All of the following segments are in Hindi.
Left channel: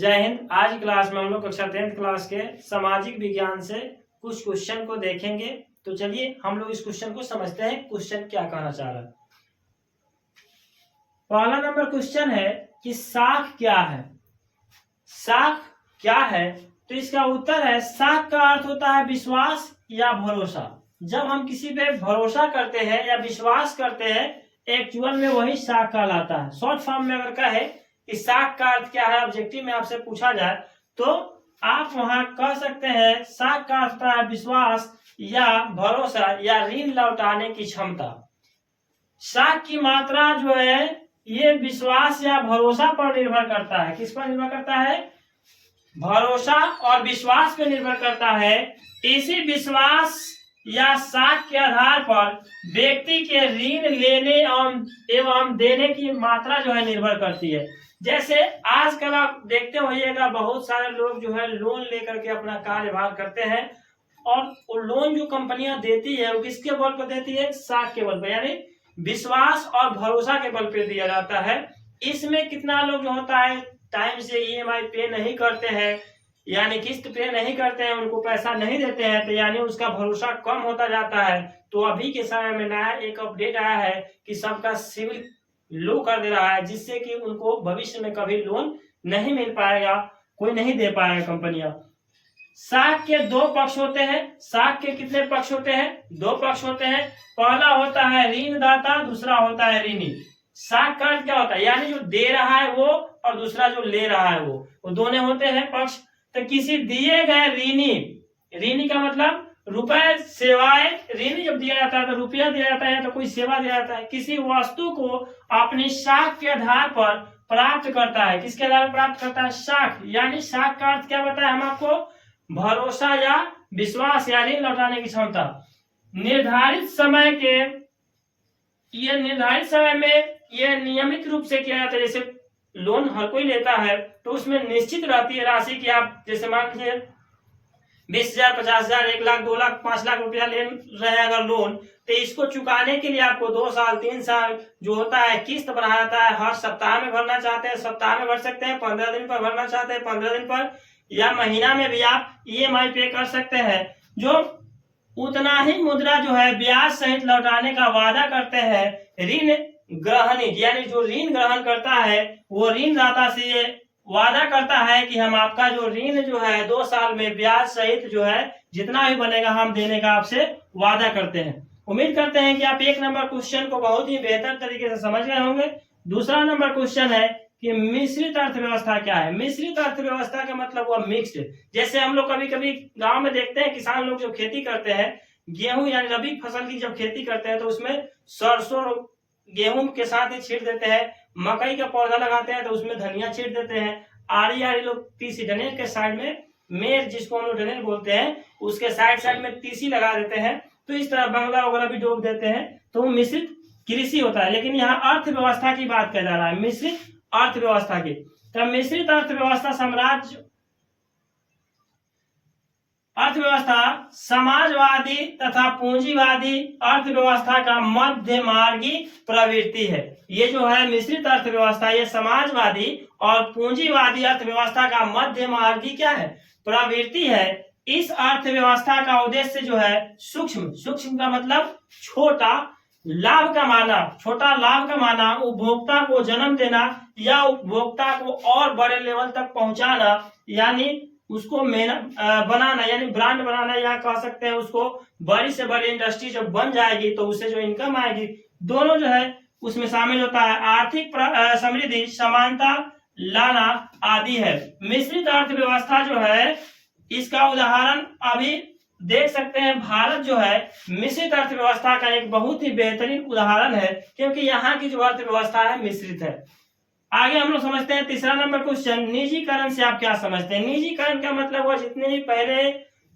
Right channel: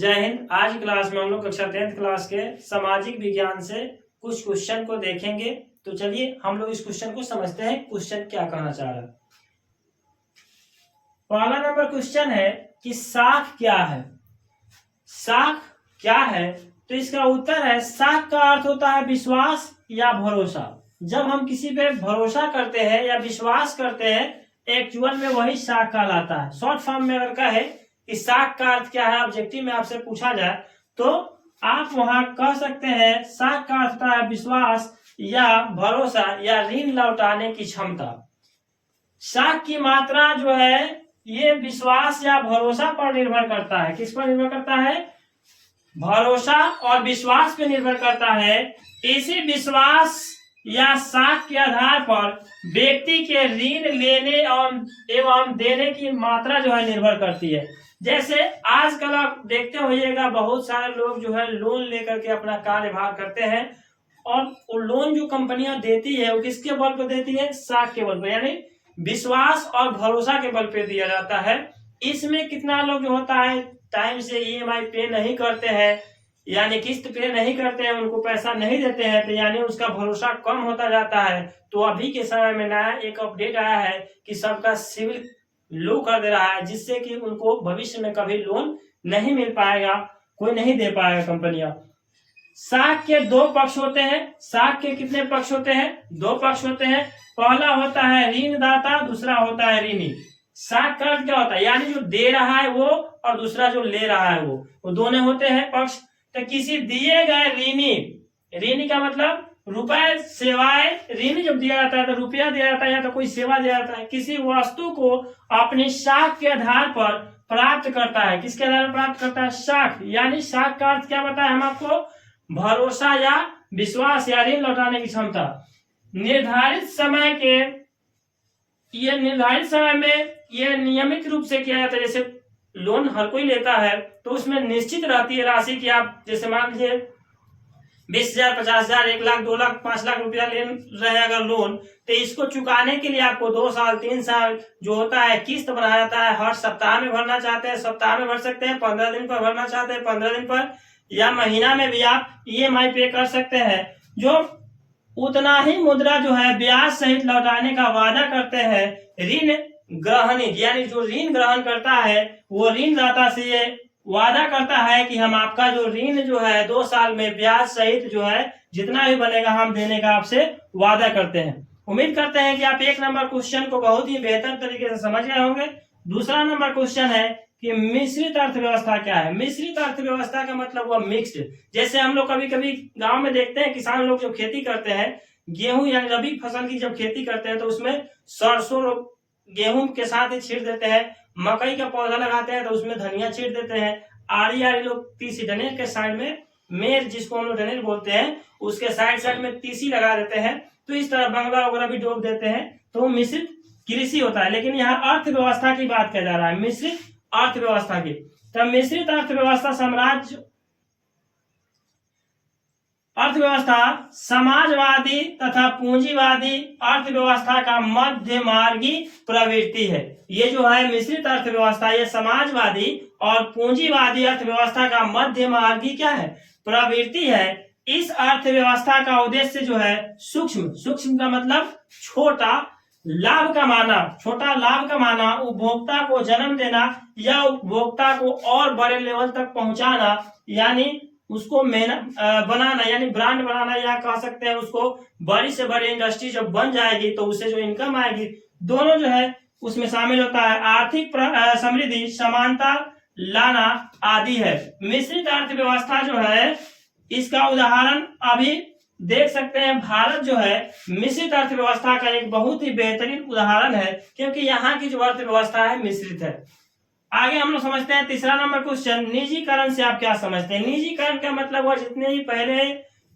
जय हिंद। आज क्लास में हम लोग कक्षा 10th क्लास के सामाजिक विज्ञान से कुछ क्वेश्चन को देखेंगे। तो चलिए हम लोग इस क्वेश्चन को समझते हैं, क्वेश्चन क्या कहना चाह रहा है। पहला नंबर क्वेश्चन है कि साख क्या है। साख क्या है तो इसका उत्तर है साख का अर्थ होता है विश्वास या भरोसा। जब हम किसी पे भरोसा करते हैं या विश्वास करते हैं, एक्चुअल में वही साख कहलाता है। शॉर्ट फॉर्म में अगर कहे कि साख का अर्थ क्या है, ऑब्जेक्टिव में आपसे पूछा जाए तो आप वहां कह सकते हैं साख का अर्थ होता है विश्वास या भरोसा या ऋण लौटाने की क्षमता। साख की मात्रा जो है ये विश्वास या भरोसा पर निर्भर करता है। किस पर निर्भर करता है? भरोसा और विश्वास पर निर्भर करता है। इसी विश्वास या साख के आधार पर व्यक्ति के ऋण लेने एवं देने की मात्रा जो है निर्भर करती है। जैसे आजकल आप देखते होइएगा बहुत सारे लोग जो है लोन लेकर के अपना कार्यभार करते हैं और वो लोन जो कंपनियां देती है वो किसके बल पर देती है? साख के बल पर, यानी विश्वास और भरोसा के बल पे दिया जाता है। इसमें कितना लोग जो होता है टाइम से ईएमआई पे नहीं करते हैं, यानी किस्त पे नहीं करते हैं, उनको पैसा नहीं देते हैं, तो यानी उसका भरोसा कम होता जाता है। तो अभी के समय में नया एक अपडेट आया है कि सबका सिविल लो कर दे रहा है, जिससे कि उनको भविष्य में कभी लोन नहीं मिल पाएगा, कोई नहीं दे पाएगा कंपनियां। साख के दो पक्ष होते हैं। साख के कितने पक्ष होते हैं? दो पक्ष होते हैं। पहला होता है ऋणदाता, दूसरा होता है ऋणी। साख का अर्थ क्या होता है? यानी जो दे रहा है वो और दूसरा जो ले रहा है वो दोनों होते हैं पक्ष। तो किसी दिए गए ऋणी का मतलब रुपए सेवाएं, ऋण जब दिया जाता है तो रुपया दिया जाता है या तो कोई सेवा दिया जाता है। किसी वस्तु को अपनी साख के आधार पर प्राप्त करता है। किसके आधार पर प्राप्त करता है? साख। यानी साख का अर्थ क्या बताया हम आपको? भरोसा या विश्वास या ऋण लौटाने की क्षमता। निर्धारित समय में यह नियमित रूप से किया जाता है। जैसे लोन हर कोई लेता है तो उसमें निश्चित रहती है राशि की, आप जैसे मान लीजिए 20,000, 50,000, 1 लाख, 2 लाख, 5 लाख रुपया ले रहे हैं अगर लोन, तो इसको चुकाने के लिए आपको 2 साल 3 साल जो होता है किस्त बनाया जाता है। हर सप्ताह में भरना चाहते हैं सप्ताह में भर सकते हैं, 15 दिन पर भरना चाहते हैं 15 दिन पर, या महीना में भी आप ईएमआई पे कर सकते हैं। जो उतना ही मुद्रा जो है ब्याज सहित लौटाने का वादा करते हैं ऋण ग्रहणी, यानी जो ऋण ग्रहण करता है वो ऋणदाता से ये वादा करता है कि हम आपका जो ऋण जो है 2 साल में ब्याज सहित जो है जितना भी बनेगा हम देने का आपसे वादा करते हैं। उम्मीद करते हैं कि आप 1 नंबर क्वेश्चन को बहुत ही बेहतर तरीके से समझ गए होंगे। दूसरा नंबर क्वेश्चन है कि मिश्रित अर्थव्यवस्था क्या है। मिश्रित अर्थव्यवस्था का मतलब हुआ मिक्स्ड। जैसे हम लोग कभी कभी गांव में देखते हैं किसान लोग जब खेती करते हैं, गेहूं या रबी फसल की जब खेती करते हैं तो उसमें सरसों गेहूं के साथ ही छींट देते हैं। मकई का पौधा लगाते हैं तो उसमें धनिया छींट देते हैं। आड़ी लोग तीसी, डनेर के साइड में मेर जिसको हम लोग डनेर बोलते हैं, उसके साइड में तीसी लगा देते हैं। तो इस तरह बंगला वगैरह भी डोब देते हैं। तो वो मिश्रित कृषि होता है। लेकिन यहाँ अर्थव्यवस्था की बात किया जा रहा है, मिश्रित अर्थव्यवस्था की। तो मिश्रित अर्थव्यवस्था समाजवादी तथा पूंजीवादी अर्थव्यवस्था का मध्यमार्गी प्रवृत्ति है। ये जो है मिश्रित अर्थव्यवस्था, ये समाजवादी और पूंजीवादी अर्थव्यवस्था का मध्यमार्गी क्या है? प्रवृत्ति है। इस अर्थव्यवस्था का उद्देश्य जो है सूक्ष्म का मतलब छोटा लाभ कमाना, उपभोक्ता को जन्म देना या उपभोक्ता को और बड़े लेवल तक पहुंचाना, यानी उसको बनाना, यानी ब्रांड बनाना, या कह सकते हैं उसको बड़ी से बड़ी इंडस्ट्री जब बन जाएगी तो उससे जो इनकम आएगी, दोनों जो है उसमें शामिल होता है। आर्थिक समृद्धि, समानता लाना आदि है। मिश्रित अर्थव्यवस्था जो है इसका उदाहरण अभी देख सकते हैं। भारत जो है मिश्रित अर्थव्यवस्था का एक बहुत ही बेहतरीन उदाहरण है, क्योंकि यहाँ की जो अर्थव्यवस्था है मिश्रित है। आगे हम लोग समझते हैं तीसरा नंबर क्वेश्चन, निजीकरण से आप क्या समझते हैं? निजीकरण का मतलब हुआ जितने भी पहले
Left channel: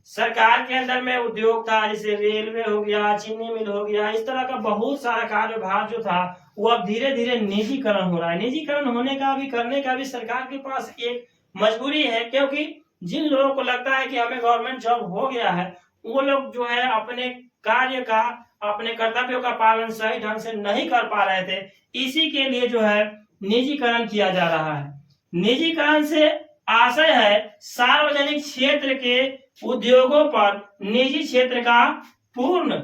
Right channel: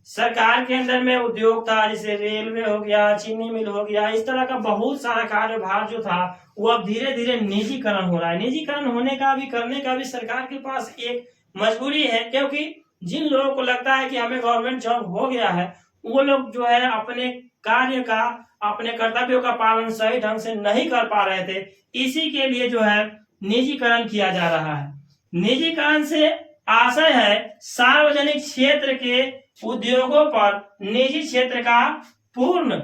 सरकार के अंदर में उद्योग था, जैसे रेलवे हो गया, चीनी मिल हो गया, इस तरह का बहुत सारा कार्यभार जो था वो अब धीरे धीरे निजीकरण हो रहा है। निजीकरण होने का भी, करने का भी सरकार के पास एक मजबूरी है, क्योंकि जिन लोगों को लगता है कि हमें गवर्नमेंट जॉब हो गया है, वो लोग जो है अपने कार्य का, अपने कर्तव्यों का पालन सही ढंग से नहीं कर पा रहे थे। इसी के लिए जो है निजीकरण किया जा रहा है। निजीकरण से आशय है सार्वजनिक क्षेत्र के उद्योगों पर निजी क्षेत्र का पूर्ण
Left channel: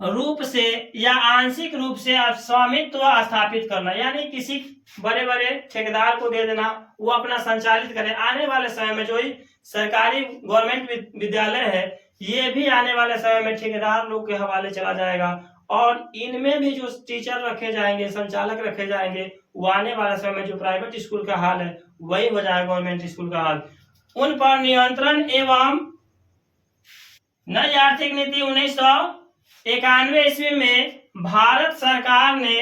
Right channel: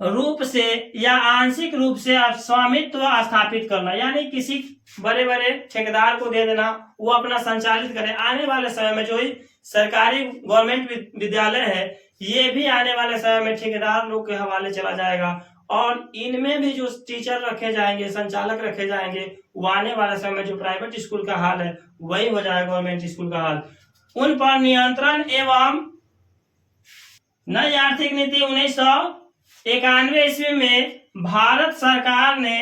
रूप से या आंशिक रूप से स्वामित्व स्थापित करना, यानी किसी बड़े बड़े ठेकेदार को दे देना, वो अपना संचालित करे। आने वाले समय में जो ही सरकारी गवर्नमेंट विद्यालय है ये भी आने वाले समय में ठेकेदार लोग के हवाले चला जाएगा, और इनमें भी जो टीचर रखे जाएंगे, संचालक रखे जाएंगे, वो आने वाले समय में जो प्राइवेट स्कूल का हाल है वही हो जाएगा गवर्नमेंट स्कूल का हाल। उन पर नियंत्रण एवं नई आर्थिक नीति 1991 ईस्वी में भारत सरकार ने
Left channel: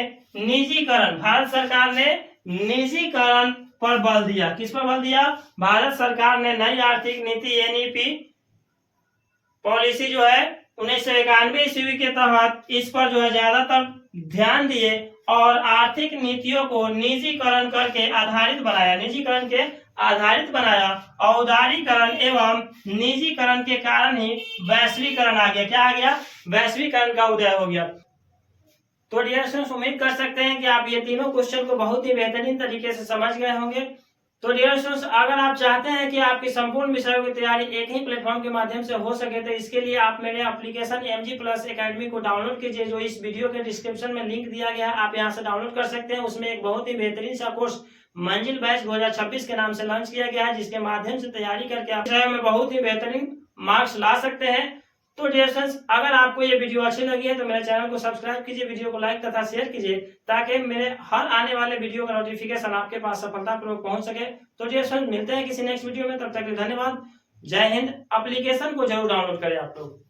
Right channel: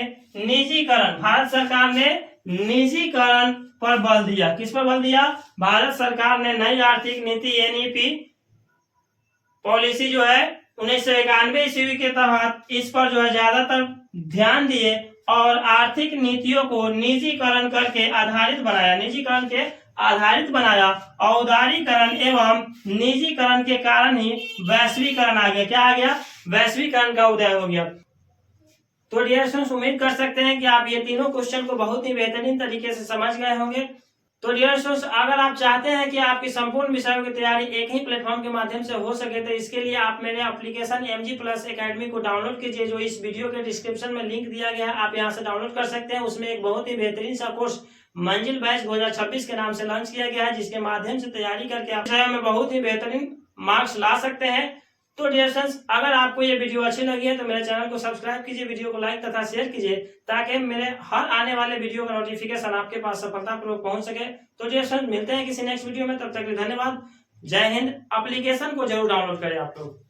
निजीकरण पर बल दिया। किस पर बल दिया? भारत सरकार ने नई आर्थिक नीति एनईपी पॉलिसी जो है 1991 ईस्वी के तहत इस पर जो है ज्यादातर ध्यान दिए और आर्थिक नीतियों को निजीकरण के आधारित बनाया। औदारीकरण एवं निजीकरण के कारण ही वैश्वीकरण आ गया। क्या आ गया? वैश्वीकरण का उदय हो गया। तो डियर स्टूडेंट्स, उम्मीद कर सकते हैं कि आप ये तीनों क्वेश्चन को बहुत ही बेहतरीन तरीके से समझ गए होंगे। तो डियर स्टूडेंट्स, अगर आप चाहते हैं कि आपकी संपूर्ण विषयों की तैयारी एक ही प्लेटफॉर्म के माध्यम से हो सके तो इसके लिए आप मेरे एप्लीकेशन MG प्लस एकेडमी को डाउनलोड कीजिए, जो इस वीडियो के डिस्क्रिप्शन में लिंक दिया गया है, आप यहां से डाउनलोड कर सकते हैं। उसमें एक बहुत ही बेहतरीन सा कोर्स मंजिल बैच 2026 के नाम से लॉन्च किया गया है, जिसके माध्यम से तैयारी करके आप विषय में बहुत ही बेहतरीन मार्क्स ला सकते हैं। तो डियर फ्रेंड्स, अगर आपको ये वीडियो अच्छी लगी है तो मेरे चैनल को सब्सक्राइब कीजिए, वीडियो को लाइक तथा शेयर कीजिए, ताकि मेरे हर आने वाले वीडियो का नोटिफिकेशन आपके पास सफलतापूर्वक पहुंच सके। तो डियर फ्रेंड्स, मिलते हैं किसी नेक्स्ट वीडियो में, तब तक के लिए धन्यवाद। जय हिंद। एप्लीकेशन को जरूर डाउनलोड करें आप लोग।